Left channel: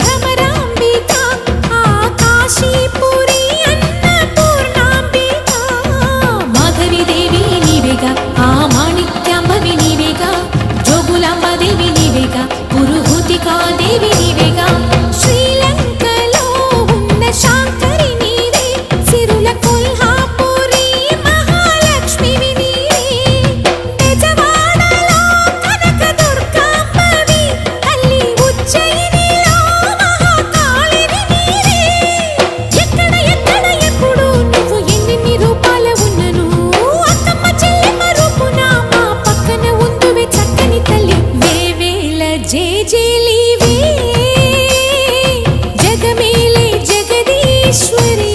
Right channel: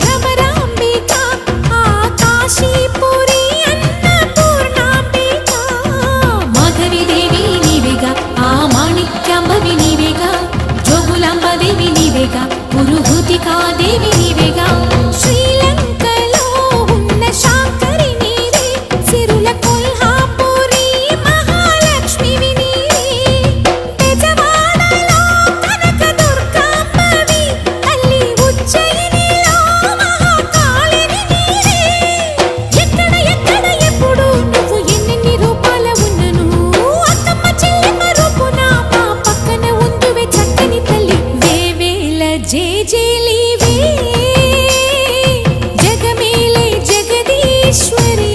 భ్రమరాంబికా ఆ కాశీపురి అన్నపూర్ణాంబికా మాధవి దేవి నీవేగా ఆ మాణిక్యాంబవి నీవేగా జోగులాంబదేవి నీవేగా పురుహూతికా దేవి నీవేగా శ్రీలంకలో ఉన్న శాంకరి నీవే సిరుల కొల్హాపురి మహాలక్ష్మివి నీవే బెజవాడలో కనక దుర్గాంబవి తల్లి ఉజ్జయినిలో మహాకాళివి నీవే ఎక్కడ ఎక్కడ ఎప్పుడు నువ్వు ఎన్నెన్ని రూపాల ఉన్నను అక్కమ్మ చెల్లెమ్మ రూపున మా పక్కన ఉందువే చక్కని తల్లి వేవేల జేజేలివే జగమేలే జగదీశ్వరి